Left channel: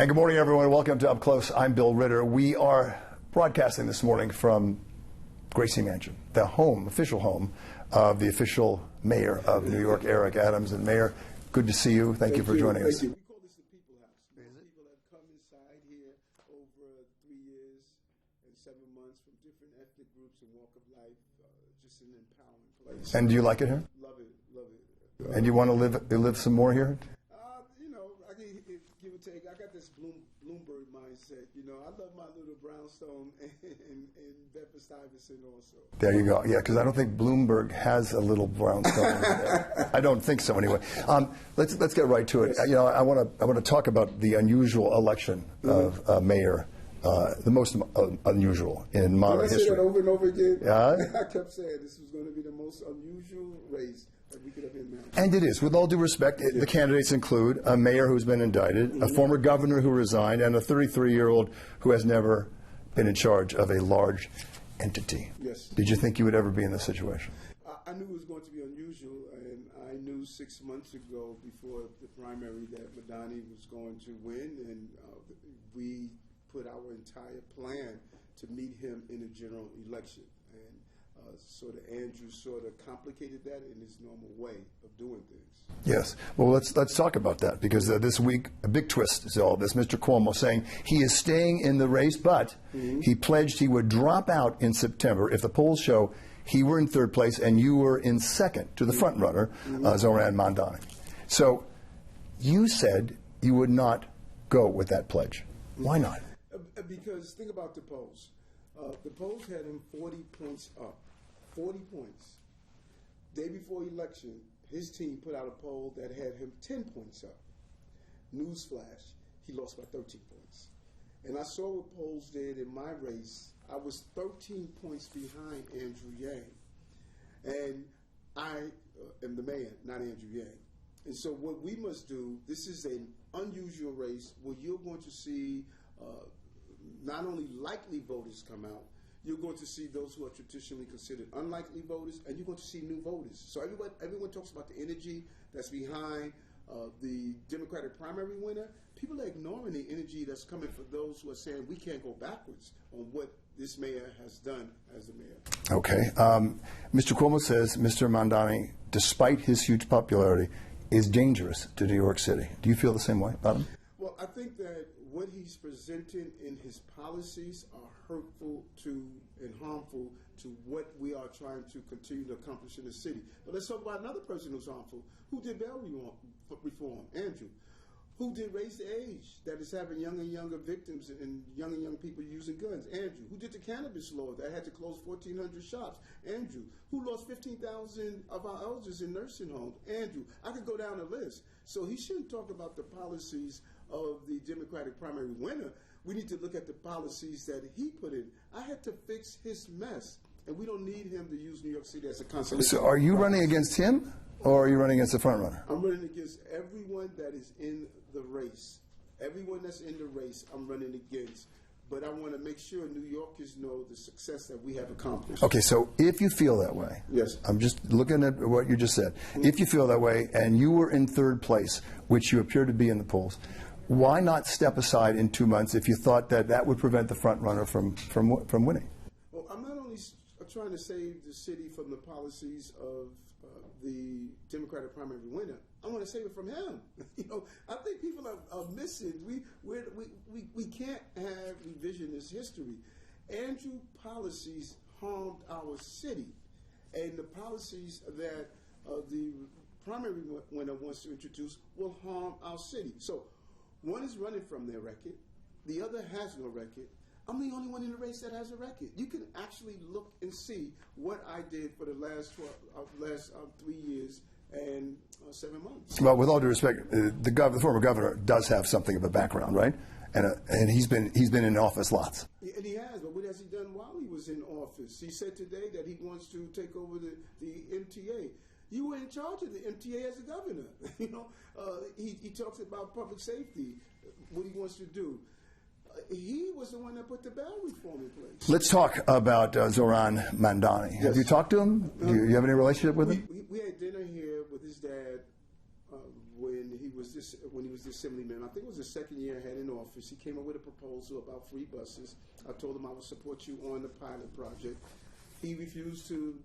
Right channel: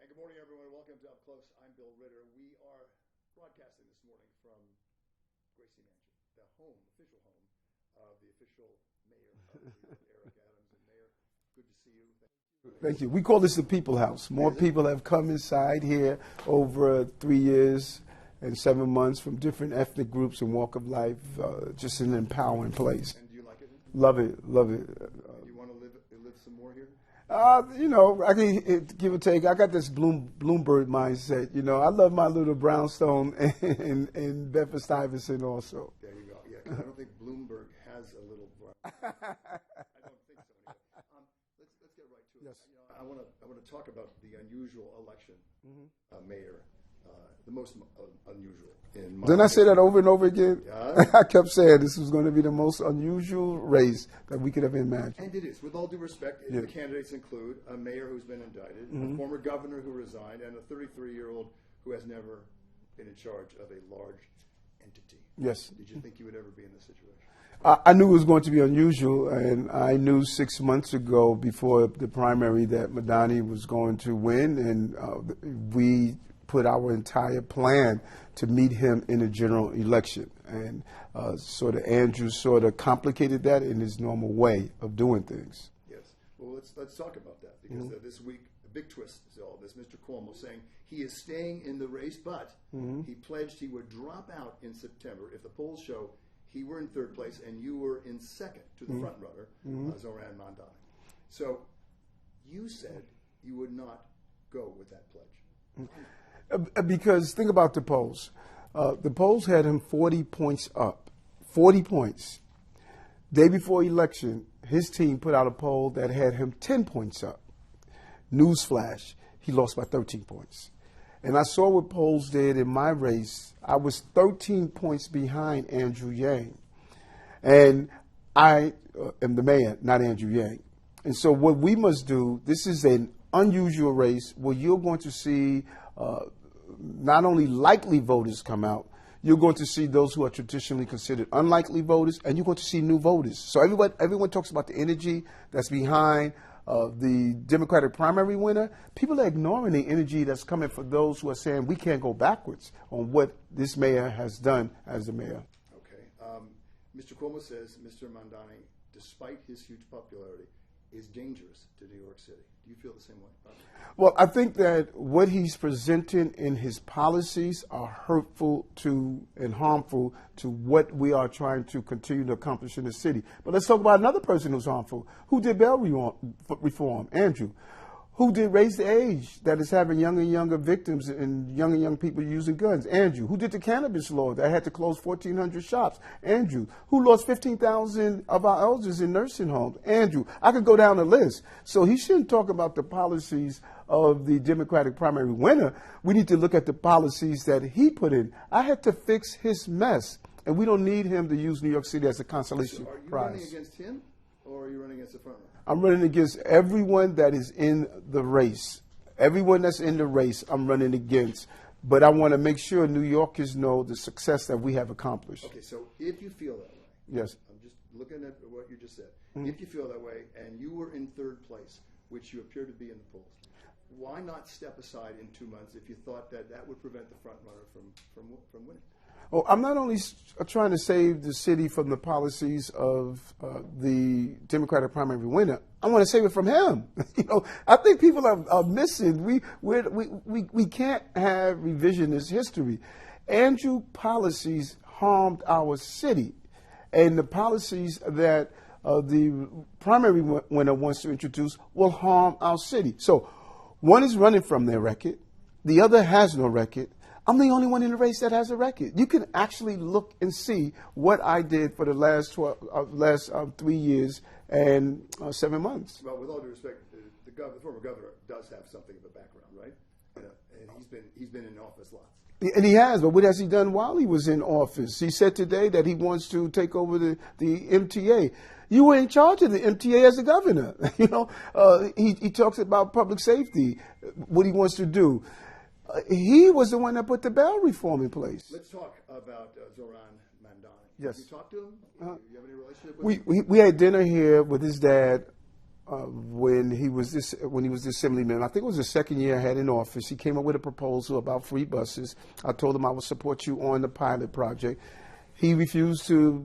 And good morning, everyone. Welcome to Up Close. I'm Bill Ritter. We are broadcasting this morning from Gracie Mansion, the official home of the official mayor of New York, Eric Adams. And Mayor, good to see you. Thank you for joining us. We call this the People House. More people have come inside here over 3 years and 7 months from different ethnic groups and walk of life. Just an empowering place. And do you like it here? Love it, love it. And you want to live some more here? You know, I can give or take. I got this Bloomberg mindset. You know, I love my little brownstone and Bedford-Stuyvesant also. There you go. Yeah, because I don't think Bloomberg has a little brownstone. I don't think so, anyway. Let's get right to it. You know, I want to talk about the unusual election of mayor. The most unusual in modern Didn't I say that over and over again? Yeah. I kept saying this was going to be the most unusual race that we could have imagined. And it is. With all due respect, the candidates include a mayor who's been indicted, a former governor who resigned, and a 33-year-old who has never been in charge of a large entity. Yes. Did you think you would ever be in this situation? I knew it was going to be unusual, and I knew 6 months ago before the primary that Mamdani was going to win, and we put our entire plan to meet him in a general election. And sort of Andrew sort of complicated that in his normal way of doing things. Yes. Well, let's talk about that, because this week a big twist is all this. Mr. Cuomo saying he is staying in the race, but he pledged he would drop out in September if the polls show he were in third place and you were in second to the front runner, Zoran Mamdani. So you said you would not go with that pledge. Why not? Because think about the polls. The polls had him 40 points up. 40 points. Day before election, his team put out a poll that had him 10 points up. Newsflash, he lost by 13 points. And I saw what polls did in my race. I was 13 points behind Andrew Yang. And I am the mayor, not Andrew Yang. And so what we must do, this is an unusual race where you're going to see not only likely voters come out, you're going to see those who are traditionally considered unlikely voters, and you're going to see new voters. So everyone talks about the energy that's behind the Democratic primary winner. People are ignoring the energy that's coming for those who are saying we can't go backwards on what this mayor has done as the mayor. Okay. Mr. Cuomo says Mr. Mamdani, despite his huge popularity, is dangerous to New York City. Do you feel the same way about him? Well, I think that what he's presenting in his policies are hurtful to and harmful to what we are trying to continue to accomplish in the city. But let's talk about another person who's harmful. Who did bail reform? Andrew. Who did raise the age that is having younger and younger victims and young people using guns? Andrew. Who did the cannabis law that had to close 1,400 shops? Andrew. Who lost 15,000 of our elders in nursing homes? Andrew. I could go down the list. So he shouldn't talk about the policies of the Democratic primary winner. We need to look at the policies that he put in. I had to fix his mess, and we don't need him to use New York City as a consolation. So are you running against him, or are you running against the front runner? I'm running against everyone that is in the race. Everyone that's in the race, I'm running against. But I want to make sure New Yorkers know the success that we have accomplished. Okay, so if you feel that way, yes, I'm just looking at what you just said. If you feel that way and you were in third place, which you appear to be in the polls, why not step aside in 2 months if you thought that would prevent the front runner from winning? Well, I'm not only trying to save the city from the policies of the Democratic primary winner. I want to save it from him. You know, I think people are missing. We can't have revisionist history. Andrew policies harmed our city, and the policies that the primary winner wants to introduce will harm our city. So one is running from their record. The other has no record. I'm the only one in the race that has a record. You can actually look and see what I did for the last 3 years and 7 months. Well, with all due respect, the former governor does have something of a background, right? And he's been in office lots. And he has, but what has he done while he was in office? He said today that he wants to take over the MTA. You were in charge of the MTA as a governor. You know, he talks about public safety, what he wants to do. He was the one that put the bail reform in place. Let's talk about Zoran Mamdani. Yes. Have you talked to him? Do you have any relationship with him? We had dinner here with his dad when he was the assemblyman. I think it was the second year I had in office. He came up with a proposal about free buses. I told him I would support you on the pilot project. He refused to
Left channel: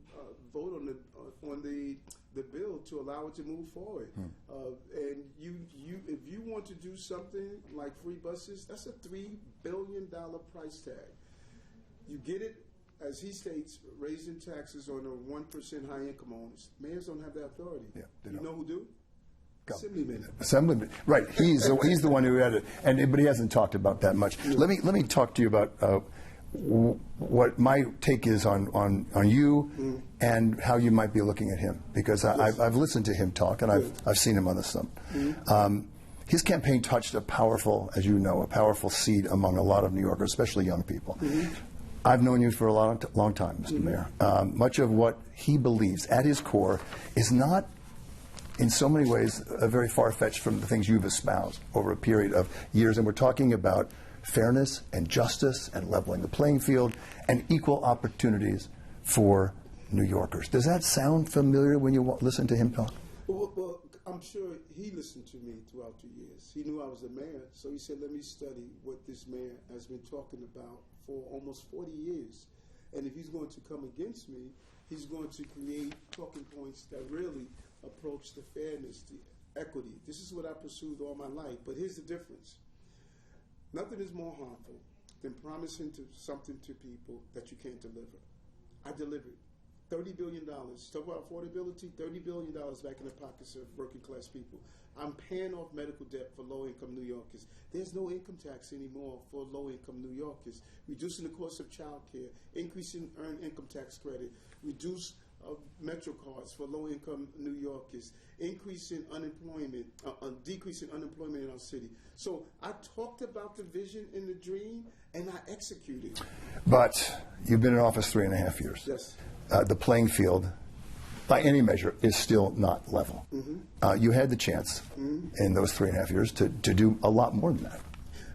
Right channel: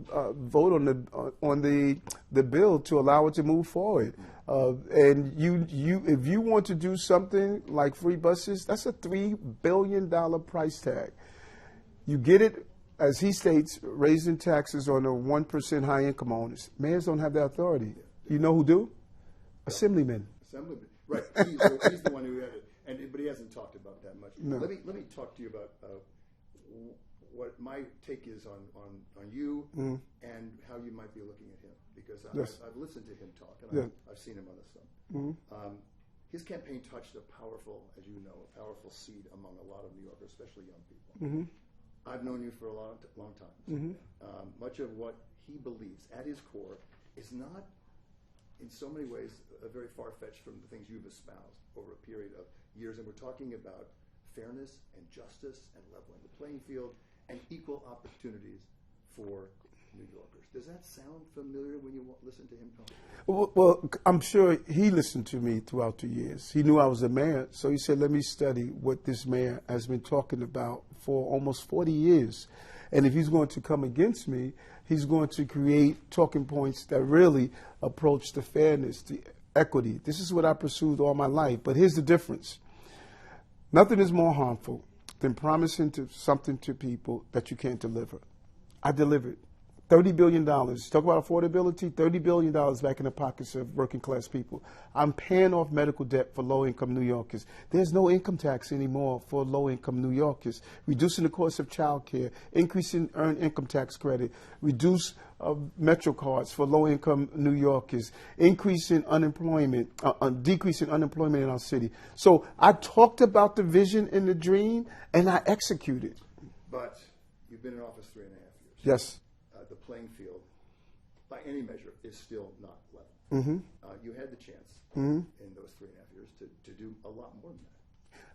vote on the bill to allow it to move forward. And if you want to do something like free buses, that's a $3 billion price tag. You get it, as he states, raising taxes on the 1% high income owners. Mayors don't have that authority. You know who do? Assemblyman. Assemblyman, right? He's the one who had it, but he hasn't talked about that much. Let me talk to you about what my take is on you and how you might be looking at him, because I've listened to him talk and I've seen him on the stump. His campaign touched a powerful, as you know, a powerful seed among a lot of New Yorkers, especially young people. I've known you for a long time, Mr. Mayor. Much of what he believes at his core is not, in so many ways, very far-fetched from the things you've espoused over a period of years. And we're talking about fairness and justice and leveling the playing field and equal opportunities for New Yorkers. Does that sound familiar when you listen to him talk? Well, I'm sure he listened to me throughout the years. He knew I was a mayor, so he said, let me study what this mayor has been talking about for almost 40 years. And if he's going to come against me, he's going to create talking points that really approach the fairness, the equity. This is what I pursued all my life. But here's the difference. Nothing is more harmful than promising something to people that you can't deliver. I delivered. $30 billion. Talk about affordability, $30 billion back in the pockets of working class people. I'm paying off medical debt for low income New Yorkers. There's no income tax anymore for low income New Yorkers. Reducing the cost of child care, increasing earned income tax credit, reduce Metro cards for low income New Yorkers, increasing unemployment, decreasing unemployment in our city. So I talked about the vision and the dream and I executed. But you've been in office 3.5 years. Yes. The playing field, by any measure, is still not level. You had the chance in those 3.5 years to do a lot more than that.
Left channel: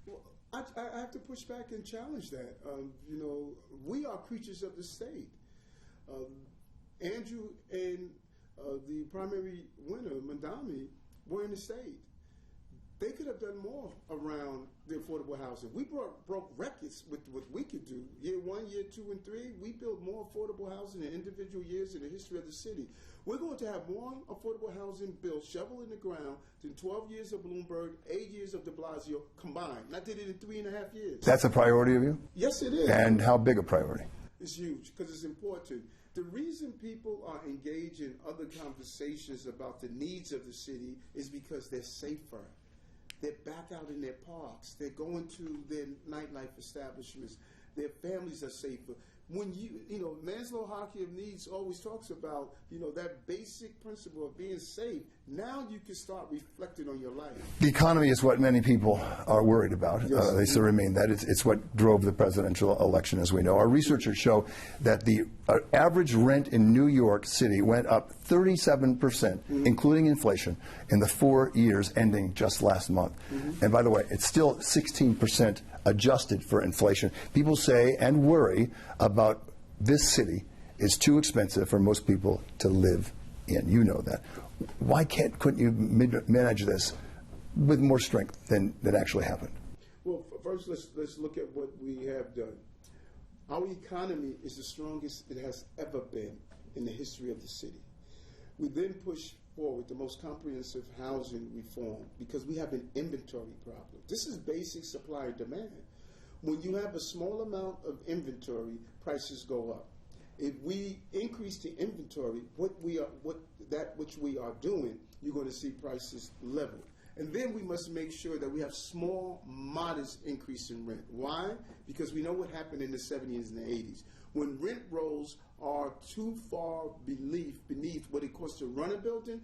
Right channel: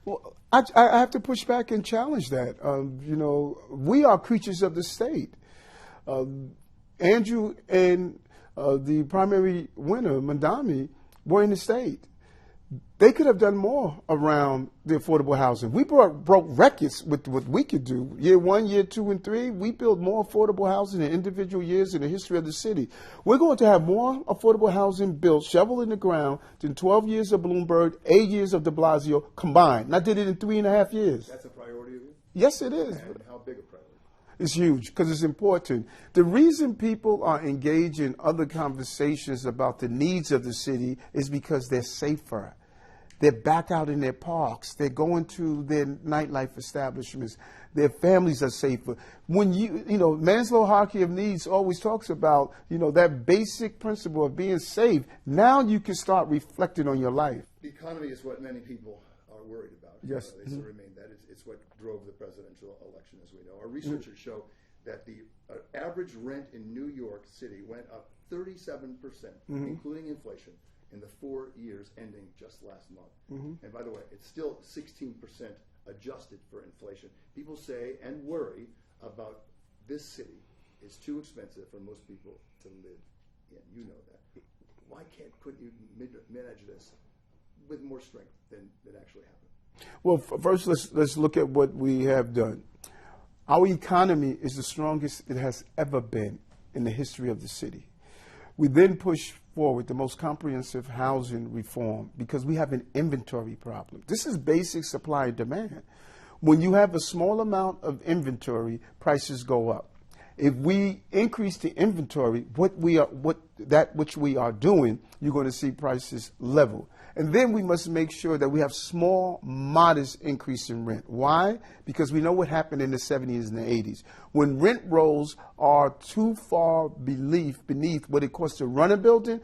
Well, I have to push back and challenge that. You know, we are creatures of the state. Andrew and the primary winner, Mamdani, were in the state. They could have done more around the affordable housing. We broke records with what we could do. Year 1, year 2, and 3, we built more affordable housing in individual years in the history of the city. We're going to have more affordable housing built, shovel in the ground, than 12 years of Bloomberg, 8 years of de Blasio combined. And I did it in 3.5 years. That's a priority of you? Yes, it is. And how big a priority? It's huge because it's important. The reason people are engaged in other conversations about the needs of the city is because they're safer. They're back out in their parks. They're going to their nightlife establishments. Their families are safer. When you know, Maslow's hierarchy of needs always talks about, you know, that basic principle of being safe. Now you can start reflecting on your life. The economy is what many people are worried about. Yes. They still remain that. It's what drove the presidential election, as we know. Our researchers show that the average rent in New York City went up 37%, including inflation, in the 4 years ending just last month. And by the way, it's still 16% adjusted for inflation. People say and worry about this city is too expensive for most people to live in. You know that. Why couldn't you manage this with more strength than actually happened? Well, first let's look at what we have done. Our economy is the strongest it has ever been in the history of the city. We then push forward the most comprehensive housing reform because we have an inventory problem. This is basic supply and demand. When you have a small amount of inventory, prices go up. If we increase the inventory, that which we are doing, you're going to see prices level. And then we must make sure that we have small, modest increase in rent. Why? Because we know what happened in the 70s and the 80s. When rent rolls are too far beneath what it costs to run a building,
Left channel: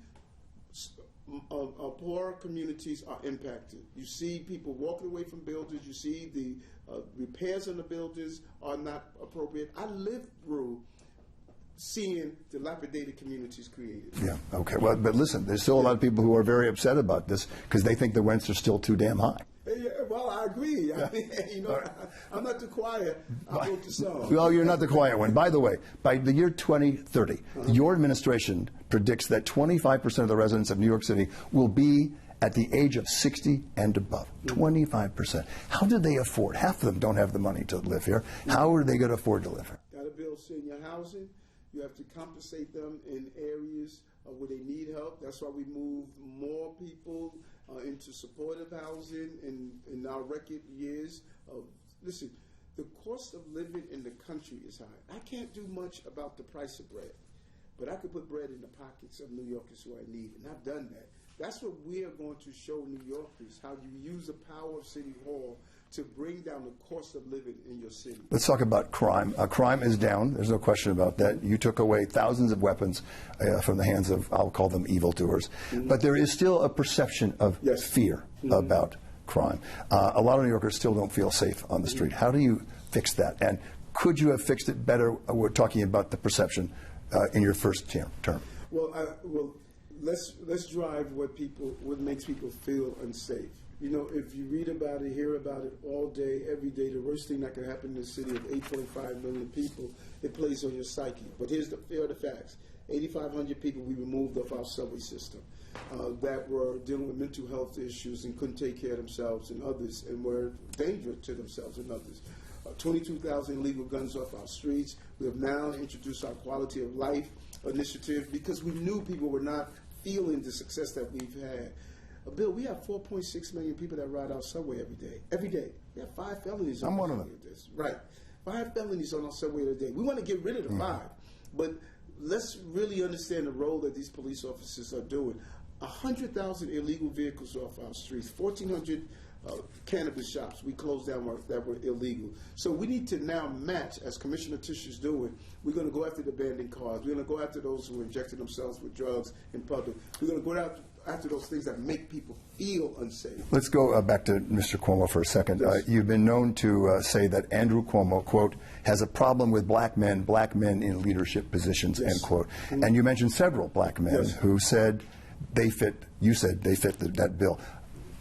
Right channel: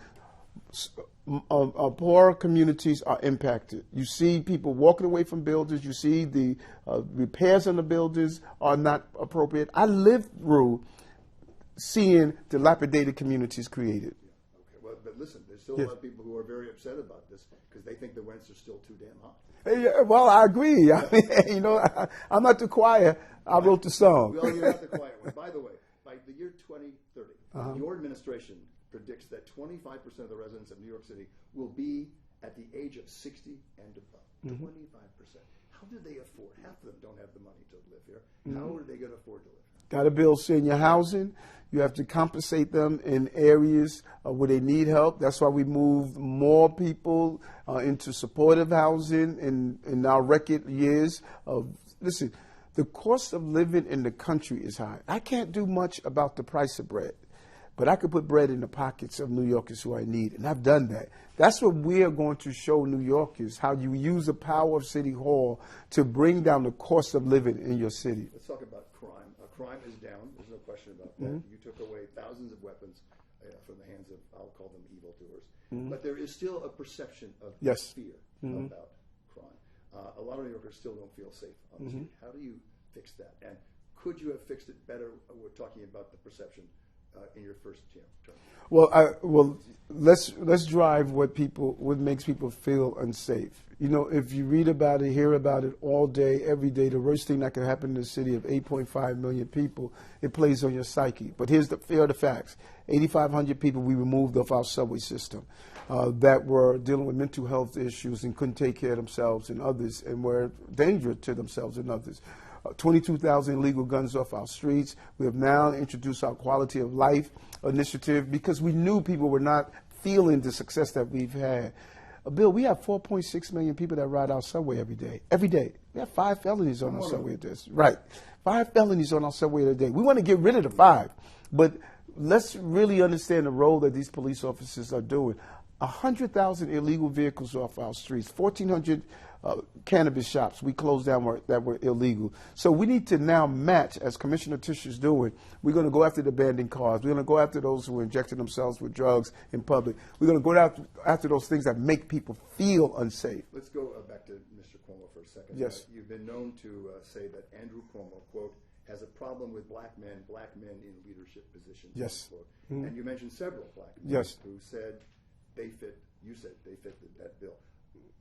poorer communities are impacted. You see people walking away from buildings. You see the repairs on the buildings are not appropriate. I lived through seeing dilapidated communities created. Yeah, okay. Well, but listen, there's still a lot of people who are very upset about this because they think the rents are still too damn high. Yeah, well, I agree. I mean, you know, I'm not the choir. I wrote the song. Well, you're not the quiet one. By the way, by the year 2030, your administration predicts that 25% of the residents of New York City will be at the age of 60 and above. 25%. How do they afford? Half of them don't have the money to live here. How are they going to afford to live here? Got to build senior housing. You have to compensate them in areas where they need help. That's why we moved more people into supportive housing in our record years. Listen, the cost of living in the country is high. I can't do much about the price of bread, but I could put bread in the pockets of New Yorkers who I need, and I've done that. That's what we are going to show New Yorkers, how you use the power of City Hall to bring down the cost of living in your city. Let's talk about crime. Crime is down. There's no question about that. You took away thousands of weapons from the hands of, I'll call them evildoers. But there is still a perception of fear about crime. A lot of New Yorkers still don't feel safe on the street. How do you fix that? And could you have fixed it better? We're talking about the perception in your first term. Well, let's drive what makes people feel unsafe. You know, if you read about it, hear about it all day, every day, the worst thing that could happen in a city of 8.5 million people, it plays on your psyche. But here are the facts. 8,500 people we removed off our subway system that were dealing with mental health issues and couldn't take care of themselves and others and were dangerous to themselves and others. 22,000 illegal guns off our streets. We have now introduced our quality of life initiative because we knew people were not feeling the success that we've had. Bill, we have 4.6 million people that ride our subway every day. Every day. We have 5 felonies on our subway. Right. 5 felonies on our subway a day. We want to get rid of the 5. But let's really understand the role that these police officers are doing. 100,000 illegal vehicles off our streets, 1,400 cannabis shops we closed down that were illegal. So we need to now match, as Commissioner Tisch is doing. We're going to go after the abandoned cars. We're going to go after those who are injecting themselves with drugs in public. We're going to go after those things that make people feel unsafe. Let's go back to Mr. Cuomo for a second. Yes. You've been known to say that Andrew Cuomo, quote, has a problem with black men in leadership positions, end quote. And you mentioned several black men who said they fit that bill.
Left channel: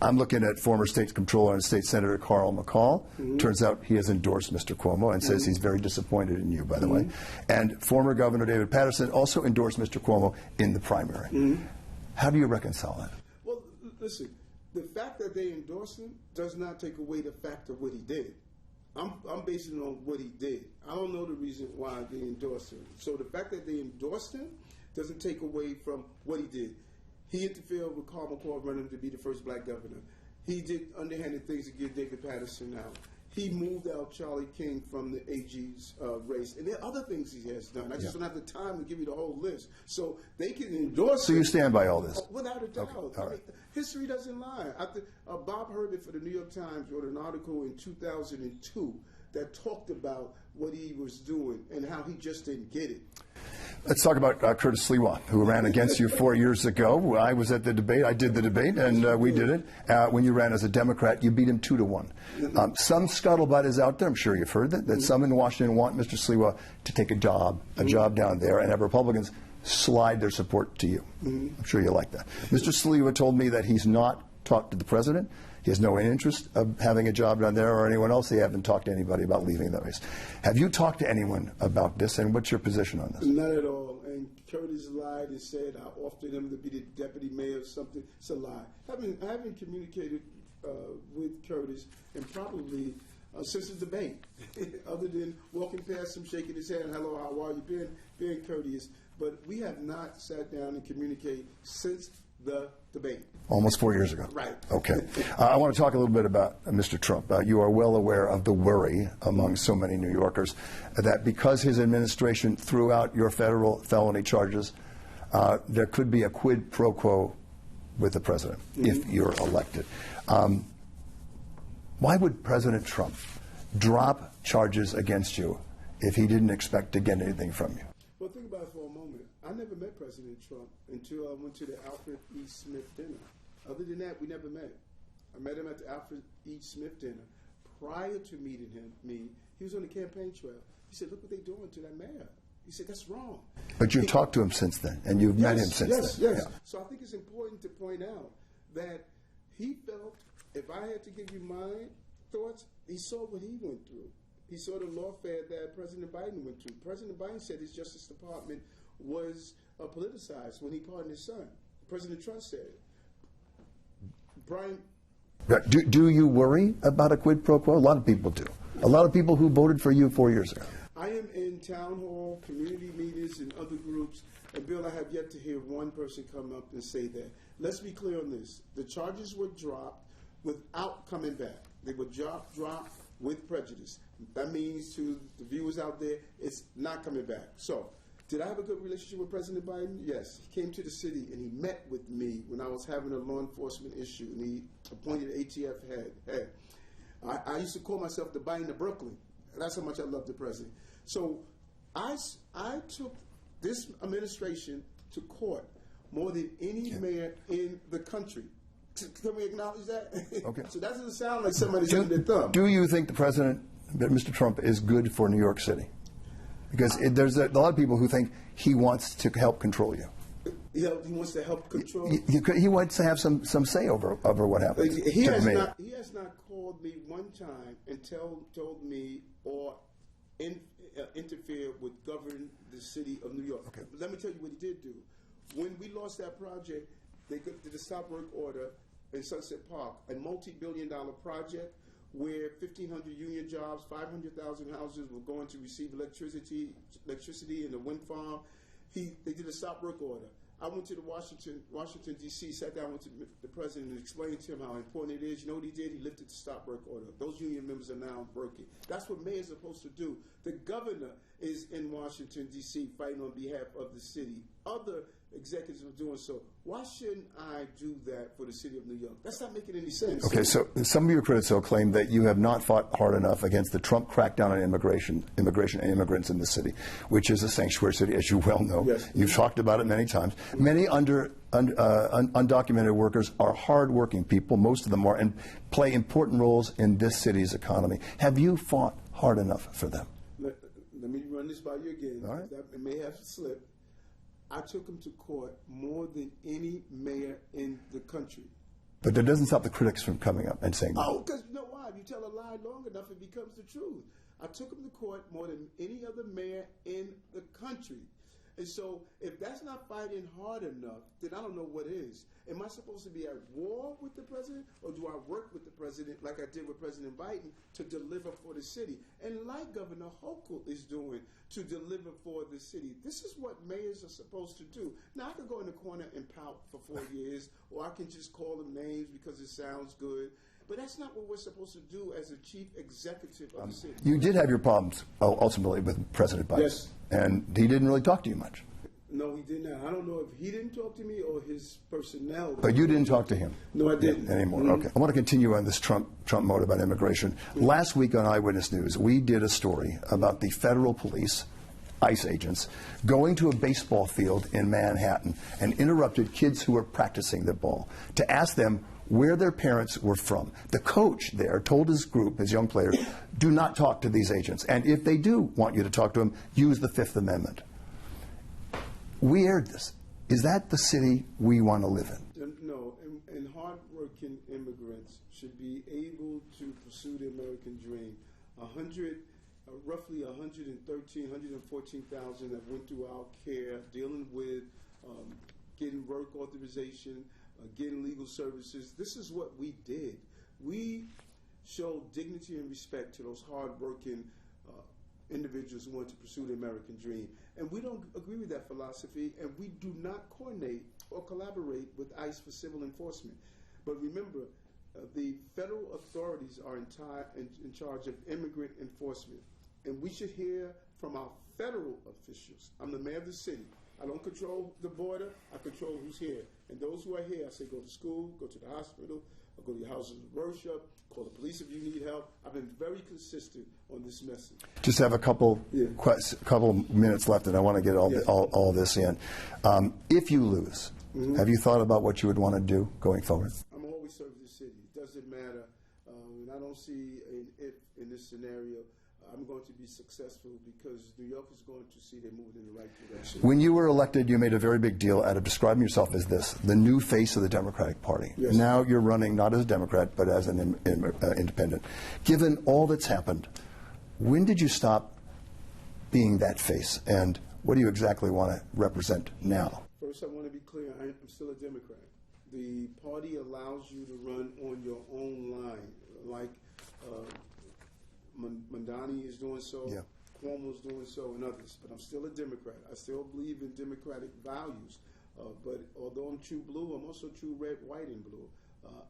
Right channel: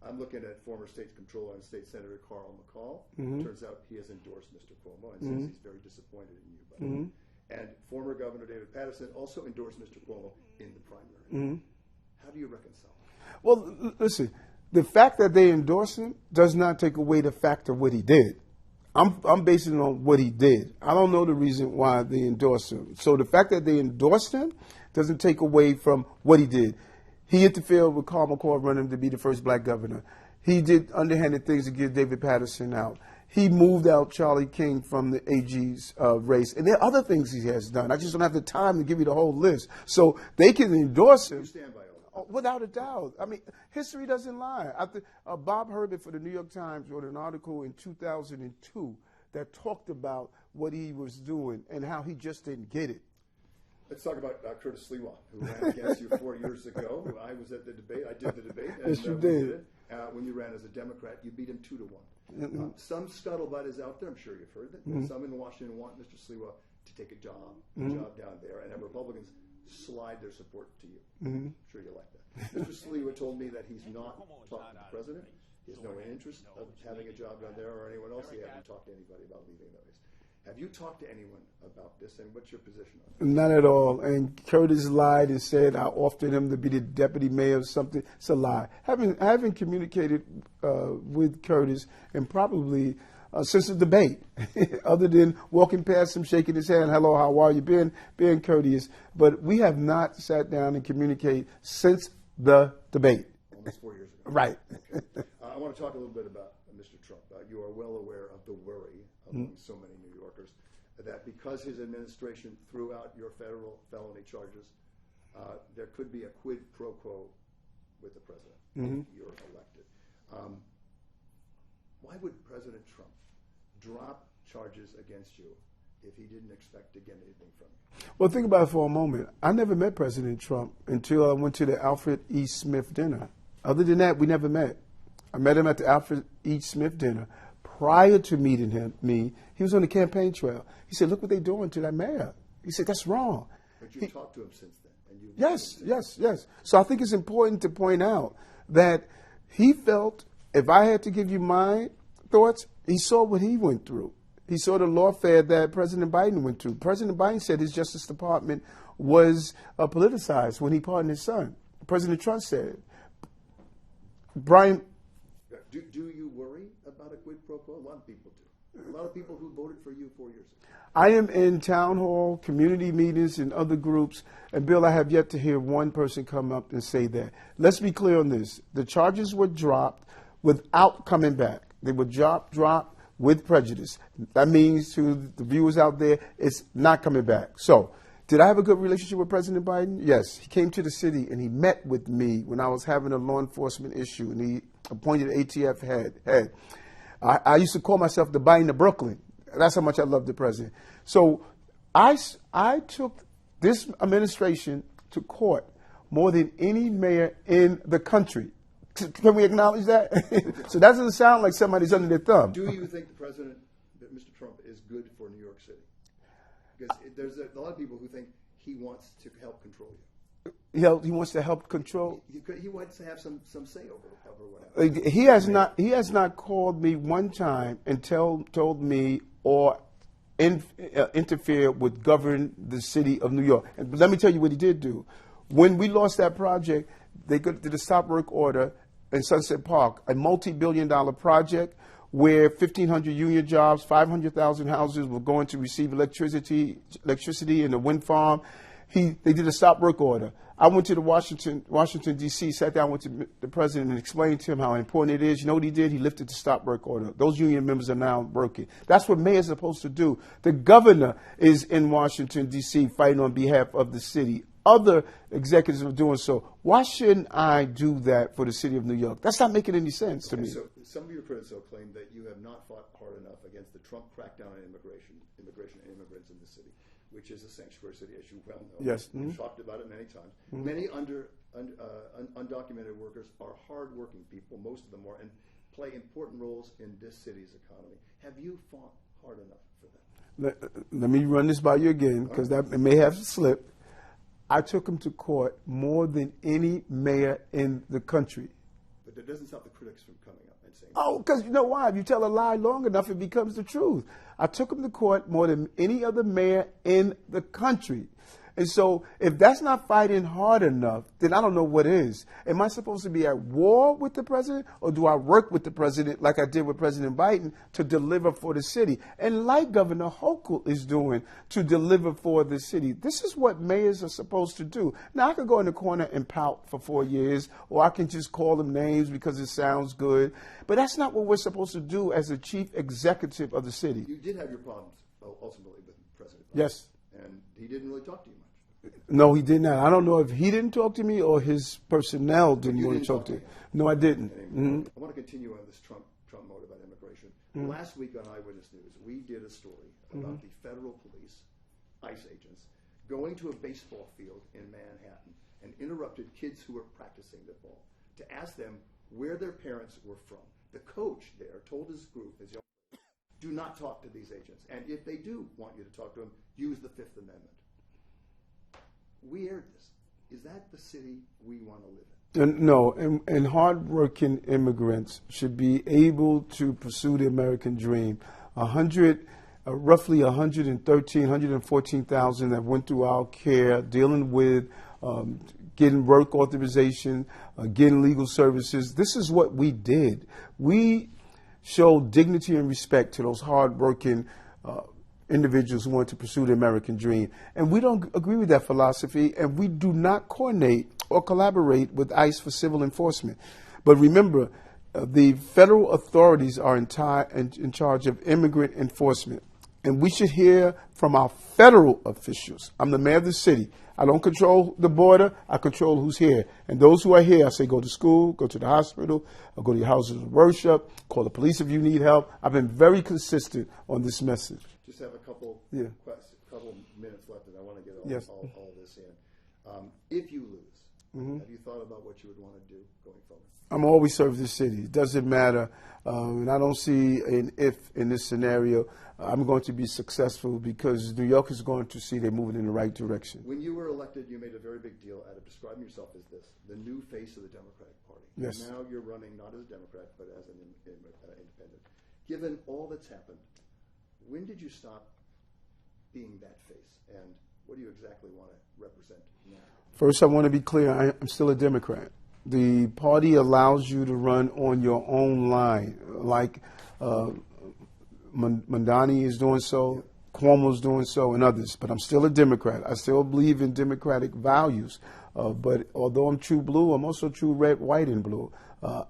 I'm looking at former state comptroller and state senator Carl McCall. Turns out he has endorsed Mr. Cuomo and says he's very disappointed in you, by the way. And former Governor David Paterson also endorsed Mr. Cuomo in the primary. How do you reconcile that? Well, listen, the fact that they endorsed him does not take away the fact of what he did. I'm basing it on what he did. I don't know the reason why they endorsed him. So the fact that they endorsed him doesn't take away from what he did. He interfered with Carl McCall running him to be the first black governor. He did underhanded things to get David Paterson out. He moved out Charlie King from the AG's race. And there are other things he has done. I just don't have the time to give you the whole list. So they can endorse him. So you stand by all this? Without a doubt. Okay. I mean, history doesn't lie. Bob Herbert for the New York Times wrote an article in 2002 that talked about what he was doing and how he just didn't get it. Let's talk about Curtis Sliwa, who ran against you 4 years ago. I was at the debate. I did the debate, and we did it. When you ran as a Democrat, you beat him 2-1. Some scuttlebutt is out there. I'm sure you've heard that some in Washington want Mr. Sliwa to take a job down there, and have Republicans slide their support to you. I'm sure you like that. Mr. Sliwa told me that he's not talked to the president. He has no interest of having a job down there or anyone else. They haven't talked to anybody about leaving that race. Have you talked to anyone about this, and what's your position on this? None at all. And Curtis lied and said I offered him to be the deputy mayor or something. It's a lie. I haven't communicated with Curtis and probably since the debate, other than walking past him, shaking his hand, hello, how are you, being courteous. But we have not sat down and communicated since the debate. Almost 4 years ago. Right. Okay. I want to talk a little bit about Mr. Trump. You are well aware of the worry among so many New Yorkers that because his administration threw out your federal felony charges, there could be a quid pro quo with the president if you're elected. Why would President Trump drop charges against you if he didn't expect to get anything from you? Well, think about it for a moment. I never met President Trump until I went to the Alfred E. Smith dinner. Other than that, we never met. I met him at the Alfred E. Smith dinner. Prior to meeting he was on the campaign trail. He said, look what they're doing to that mayor. He said, that's wrong. But you've talked to him since then, and you've met him since then. Yes. Yeah. So I think it's important to point out that he felt, if I had to give you my thoughts, he saw what he went through. He saw the lawfare that President Biden went through. President Biden said his Justice Department was politicized when he pardoned his son. President Trump said it. Brian. Do you worry about a quid pro quo? A lot of people do. A lot of people who voted for you 4 years ago. I am in town hall, community meetings, and other groups, and Bill, I have yet to hear one person come up and say that. Let's be clear on this. The charges were dropped without coming back. They were dropped with prejudice. That means to the viewers out there, it's not coming back. So, did I have a good relationship with President Biden? Yes. He came to the city and he met with me when I was having a law enforcement issue, and he appointed ATF head. I used to call myself the Biden of Brooklyn. That's how much I love the president. So I took this administration to court more than any mayor in the country. Can we acknowledge that? Okay. So that doesn't sound like somebody's under their thumb. Do you think the president, Mr. Trump, is good for New York City? Because there's a lot of people who think he wants to help control you. He wants to help control. He wants to have some say over what happens. He has not called me one time and told me or interfere with govern the city of New York. But let me tell you what he did do. When we lost that project, they did a stop work order in Sunset Park, a multi-billion-dollar project where 1,500 union jobs, 500,000 houses were going to receive electricity in a wind farm. They did a stop work order. I went to Washington, D.C., sat down with the president and explained to him how important it is. You know what he did? He lifted the stop work order. Those union members are now working. That's what mayors are supposed to do. The governor is in Washington, D.C., fighting on behalf of the city. Other executives are doing so. Why shouldn't I do that for the city of New York? That's not making any sense. Okay, so some of your critics will claim that you have not fought hard enough against the Trump crackdown on immigration and immigrants in the city, which is a sanctuary city, as you well know. Yes. You've talked about it many times. Many undocumented workers are hardworking people. Most of them are, and play important roles in this city's economy. Have you fought hard enough for them? Let me run this by you again, because that may have slipped. I took him to court more than any mayor in the country. But that doesn't stop the critics from coming up and saying that. Oh, because you know why? If you tell a lie long enough, it becomes the truth. I took him to court more than any other mayor in the country. And so if that's not fighting hard enough, then I don't know what is. Am I supposed to be at war with the president, or do I work with the president like I did with President Biden to deliver for the city? And like Governor Hochul is doing to deliver for the city. This is what mayors are supposed to do. Now, I could go in the corner and pout for 4 years, or I can just call them names because it sounds good. But that's not what we're supposed to do as the chief executive of the city. You did have your problems ultimately with President Biden. Yes. And he didn't really talk to you much. No, he did not. I don't know if he didn't talk to me or his personnel. But you didn't talk to him? No, I didn't. Anymore. Mm-hmm. Okay. I want to continue on this Trump mode about immigration. Mm-hmm. Last week on Eyewitness News, we did a story about the federal police, ICE agents, going to a baseball field in Manhattan and interrupted kids who were practicing the ball to ask them where their parents were from. The coach there told his group, his young players, do not talk to these agents. And if they do want you to talk to them, use the Fifth Amendment. We aired this. Is that the city we want to live in? No, and hardworking immigrants should be able to pursue the American dream. Roughly 114,000 that went through our care, dealing with getting work authorization, getting legal services. This is what we did. We showed dignity and respect to those hardworking individuals who want to pursue the American dream. And we don't agree with that philosophy, and we do not coordinate or collaborate with ICE for civil enforcement. But remember, the federal authorities are in charge of immigrant enforcement. And we should hear from our federal officials. I'm the mayor of the city. I don't control the border. I control who's here. And those who are here, I say go to school, go to the hospital, or go to your houses of worship, call the police if you need help. I've been very consistent on this message. Just have a couple minutes left, and I want to get all this in. If you lose, have you thought about what you would want to do going forward? I'm always serve the city. It doesn't matter. And I don't see an if in this scenario. I'm going to be successful because New York is going to see they're moving in the right direction. When you were elected, you made a very big deal out of describing yourself as the new face of the Democratic Party. Yes. Now you're running not as a Democrat, but as an independent. Given all that's happened, when did you stop being that face and What do you exactly want to represent now? First, I want to be clear. I'm still a Democrat. The party allows you to run on your own line, like Mamdani is doing so, Yep. Cuomo's doing so, and others. But I'm still a Democrat. I still believe in democratic values. But although I'm true blue, I'm also true red, white, and blue.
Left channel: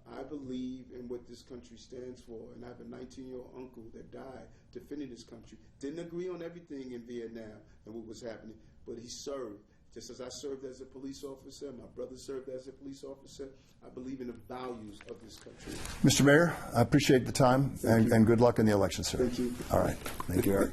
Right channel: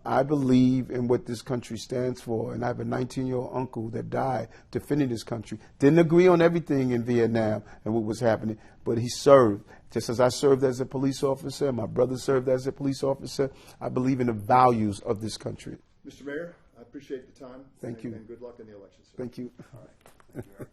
I believe in what this country stands for, and I have a 19-year-old uncle that died defending this country. Didn't agree on everything in Vietnam and what was happening, but he served. Just as I served as a police officer, my brother served as a police officer, I believe in the values of this country. Mr. Mayor, I appreciate the time, and good luck in the election, sir. Thank you. All right. Thank you, Eric.